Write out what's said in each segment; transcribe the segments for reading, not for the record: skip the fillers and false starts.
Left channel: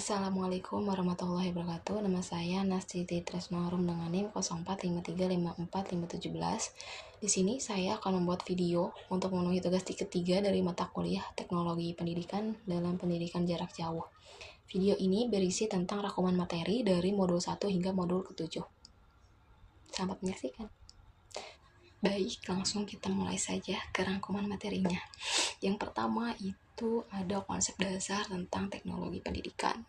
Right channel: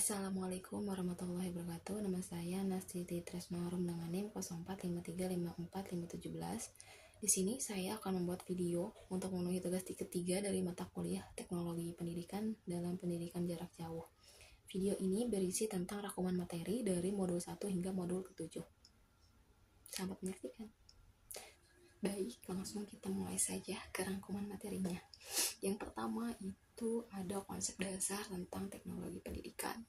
Assalamualaikum warahmatullahi wabarakatuh. Nama saya Nastiti Tresnorum dengan NIM 0453545517. Di sini saya akan membuat video untuk memenuhi tugas ketiga dari mata kuliah Teknologi Pendidikan dalam Pendidikan Jarak Jauh. Video ini berisi tentang rangkuman materi dari modul 1 hingga modul ke-7. Selamat menyaksikan. Baik, langsung kita mulai saja ke rangkuman materinya. Yang pertama itu ada konsep dasar tentang teknologi pendidikan.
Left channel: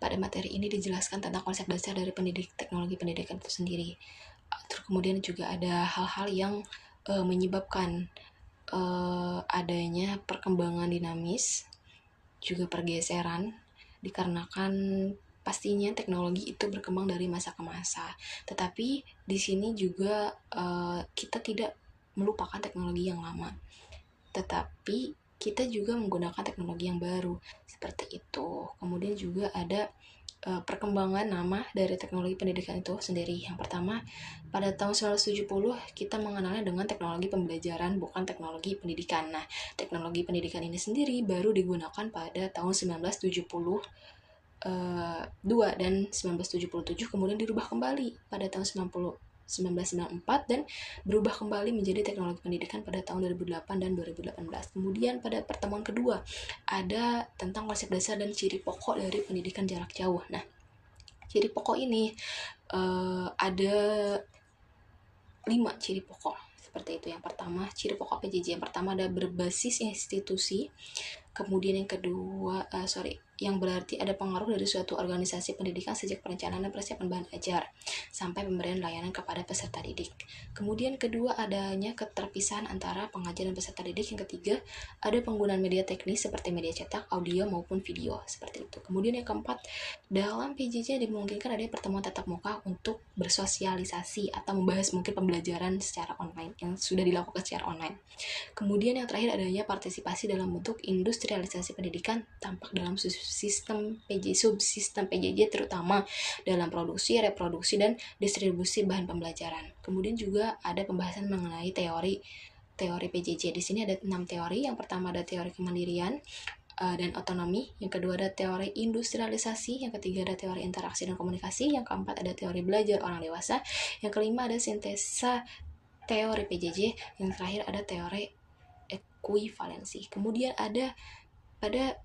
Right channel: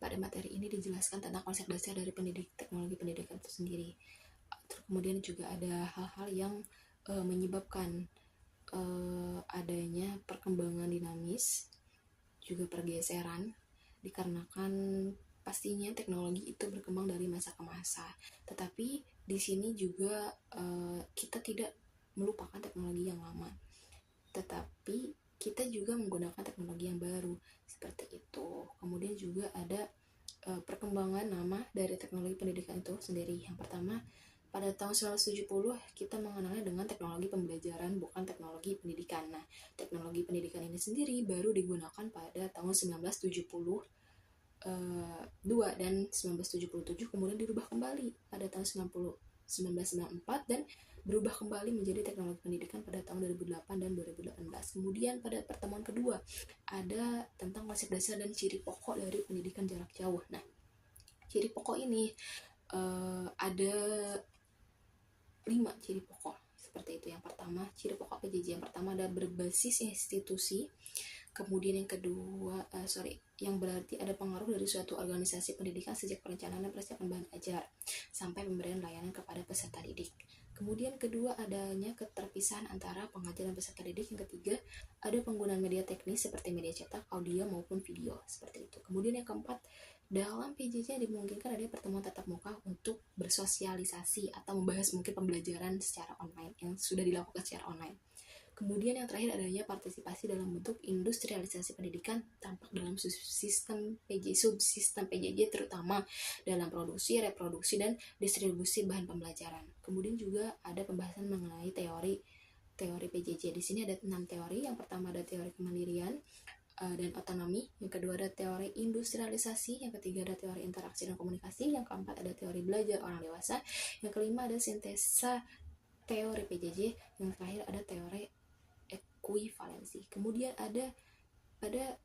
Pada materi ini dijelaskan tentang konsep dasar dari teknologi pendidikan itu sendiri. Terus kemudian juga ada hal-hal yang menyebabkan adanya perkembangan dinamis, juga pergeseran, dikarenakan pastinya teknologi itu berkembang dari masa ke masa. Tetapi di sini juga kita tidak melupakan teknologi yang lama, tetapi kita juga menggunakan teknologi yang baru seperti itu. Kemudian juga ada perkembangan nama dari teknologi pendidikan itu sendiri. Yang pertama, pada tahun 1970 kita mengenalnya dengan teknologi pembelajaran, bukan teknologi pendidikan. Nah, teknologi pendidikan ini sendiri baru digunakan pada tahun 1972 dan 1977, kemudian dirubah kembali pada tahun 1994 dan berubah kembali menjadi teknologi pendidikan pada tahun 2008 dan 2018. Kemudian pada pertemuan kedua ada tentang konsep dasar dan ciri pokok dari pendidikan jarak jauh. Nah, ciri pokok ini ada 5 ciri pokok seperti itu. Yang pertama, ciri pokok PJJ. Yang pertama ada berbasis institusi. Kemudian yang kedua, yang berarti ada pengaruh dari suatu organisasi pendidikan sejak perencanaan dan persiapan bahan ajar sampai pemberian layanan kepada peserta didik. Kemudian kedua, adanya keterpisahan antara pengajar dan peserta didik. Yang ketiga, ada penggunaan media teknis seperti media cetak, audio maupun video seperti itu. Kemudian yang keempat, dalam PJJ dimungkinkan ada pertemuan tatap muka untuk bersosialisasi atau membahas mungkin pembelajaran secara online yang sudah dilakukan secara online. Kemudian yang terakhir, adanya partisipasi dalam bentuk industrialisasi pendidikan tampak dalam subsistem PJJ terutama dalam produksi, reproduksi, dan distribusi bahan pembelajaran. Kemudian juga ada pembahasan mengenai teori PJJ. Di sini ada 6 teori. Yang pertama ada teori kemandirian dan otonomi. Yang kedua ada teori industrialisasi. Yang ketiga ada teori interaksi dan komunikasi. Yang keempat ada teori belajar orang dewasa. Yang kelima ada sintesa teori PJJ. Yang terakhir ada teori ekuivalensi. Kemudian ada pada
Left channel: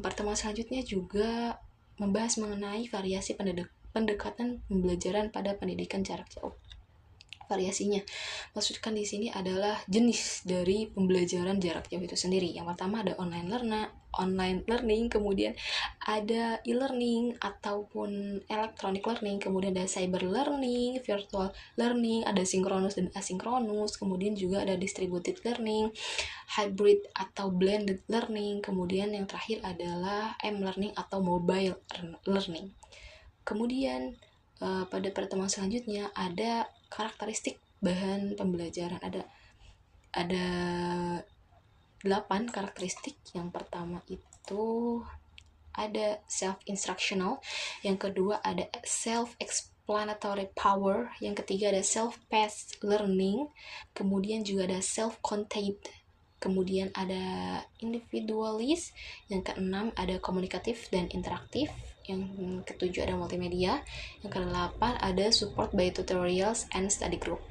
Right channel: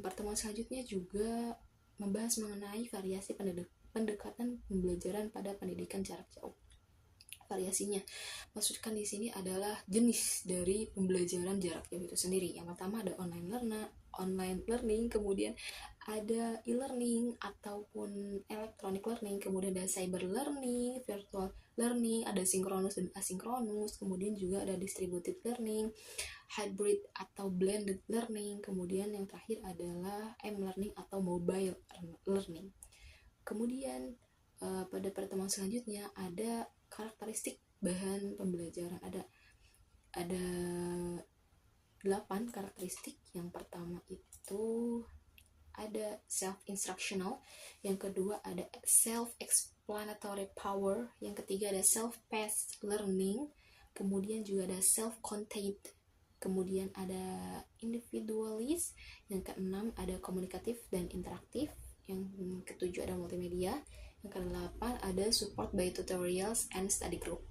pertemuan selanjutnya juga membahas mengenai variasi pendekatan pembelajaran pada pendidikan jarak jauh. Variasinya, maksudkan di sini adalah jenis dari pembelajaran jarak jauh itu sendiri. Yang pertama ada online learning, kemudian ada e-learning ataupun electronic learning, kemudian ada cyber learning, virtual learning, ada sinkronus dan asinkronus, kemudian juga ada distributed learning, hybrid atau blended learning, kemudian yang terakhir adalah m-learning atau mobile learning. Kemudian pada pertemuan selanjutnya ada karakteristik bahan pembelajaran. Ada 8 karakteristik. Yang pertama itu ada self-instructional, yang kedua ada self-explanatory power, yang ketiga ada self-paced learning, kemudian juga ada self-contained, kemudian ada individualis, yang keenam ada komunikatif dan interaktif, yang ketujuh ada multimedia, yang kedelapan ada support by tutorials and study group.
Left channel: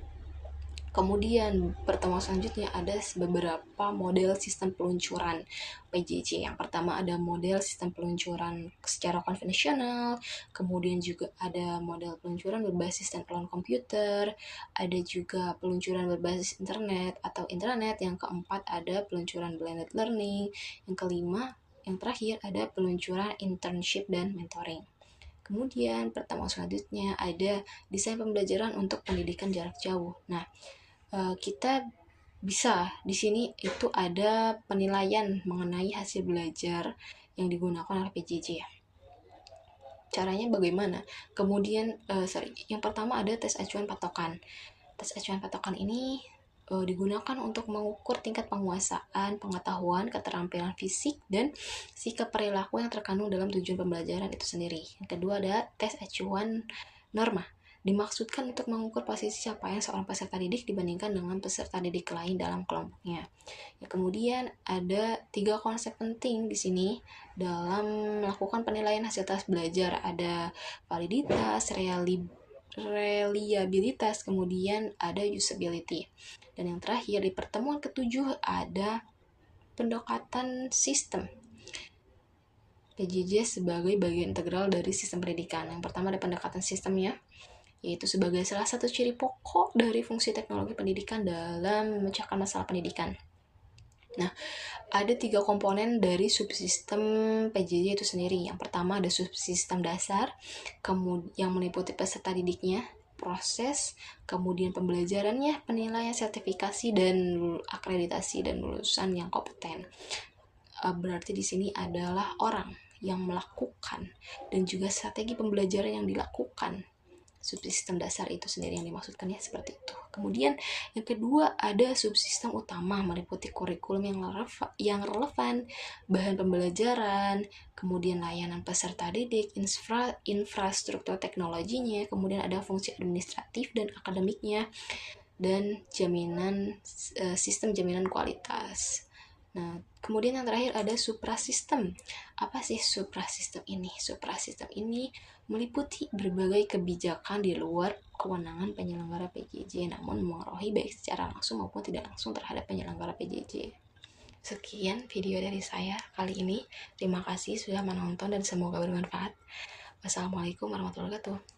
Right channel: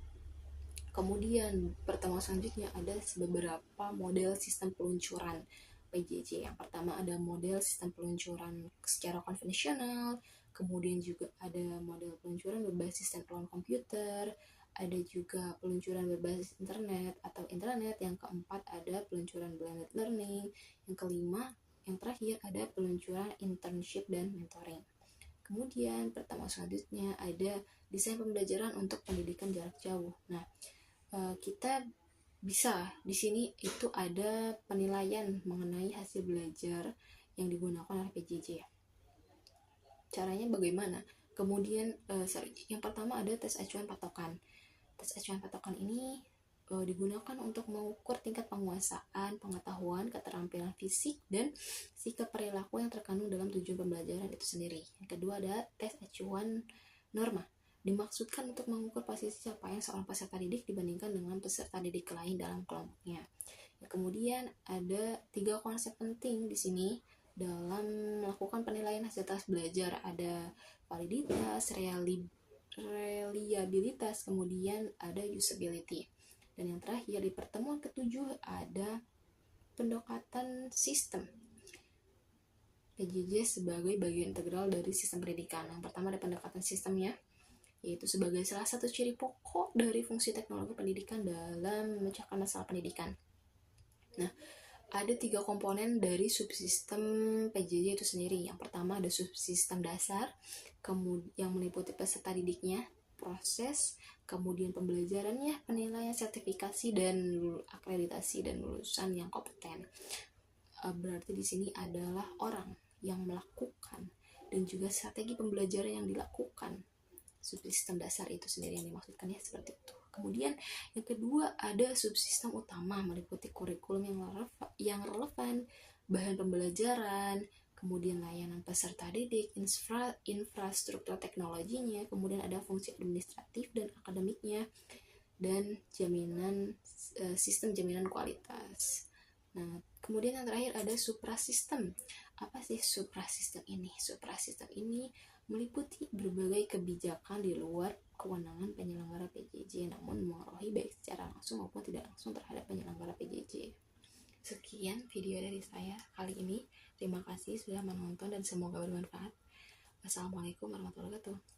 Kemudian pertemuan selanjutnya ada beberapa model sistem peluncuran PJJ. Yang pertama ada model sistem peluncuran secara konvensional, kemudian juga ada model peluncuran berbasis standalone komputer, ada juga peluncuran berbasis internet atau intranet, yang keempat ada peluncuran blended learning, yang kelima, yang terakhir ada peluncuran internship dan mentoring. Kemudian pertemuan selanjutnya ada desain pembelajaran untuk pendidikan jarak jauh. Nah, kita bisa di sini itu ada penilaian mengenai hasil belajar yang digunakan oleh PJJ. Caranya bagaimana? Kemudian yang pertama ada tes acuan patokan. Tes acuan patokan ini digunakan untuk mengukur tingkat penguasaan, pengetahuan, keterampilan fisik, dan sikap perilaku yang terkandung dalam tujuan pembelajaran itu sendiri. Yang kedua ada tes acuan norma. Dimaksudkan untuk mengukur posisi capaian seorang peserta didik dibandingkan dengan peserta didik lain dalam kelompoknya. Ya, kemudian ada 3 konsep penting di sini dalam melakukan penilaian hasil tes belajar. Ada validitas, reliabilitas, kemudian ada usability. Dan yang terakhir di pertemuan ketujuh ada pendekatan sistem. PJJ sebagai bagian integral dari sistem pendidikan. Yang pertama ada pendekatan sistemnya, yaitu sebagai salah satu ciri pokok dari fungsi teknologi pendidikan dalam memecahkan masalah pendidikan. Nah, ada 3 komponen dari subsistem PJJ itu sendiri. Yang pertama ada subsistem dasar, kemudian yang meliputi peserta didiknya, proses, kemudian pembelajarannya, penilaian, sertifikasi, dan akreditasi dan lulusan yang kompeten. Berarti di sini adalah orang yang melakukan dan juga strategi pembelajaran yang dilakukan. Subsistem dasar itu sendiri yang dimaksudkan ya, seperti itu. Kemudian yang kedua ada subsistem utama, meliputi kurikulum yang relevan, bahan pembelajaran, kemudian layanan peserta didik, infrastruktur teknologinya, kemudian ada fungsi administratif dan akademiknya, dan sistem jaminan kualitas. Nah, kemudian yang terakhir ada suprasistem. Apa sih suprasistem ini? Suprasistem ini meliputi berbagai kebijakan di luar kewenangan penyelenggara PJJ, namun memengaruhi baik secara langsung maupun tidak langsung terhadap penyelenggara PJJ. Sekian video dari saya kali ini. Terima kasih sudah menonton dan semoga bermanfaat. Wassalamualaikum warahmatullahi wabarakatuh.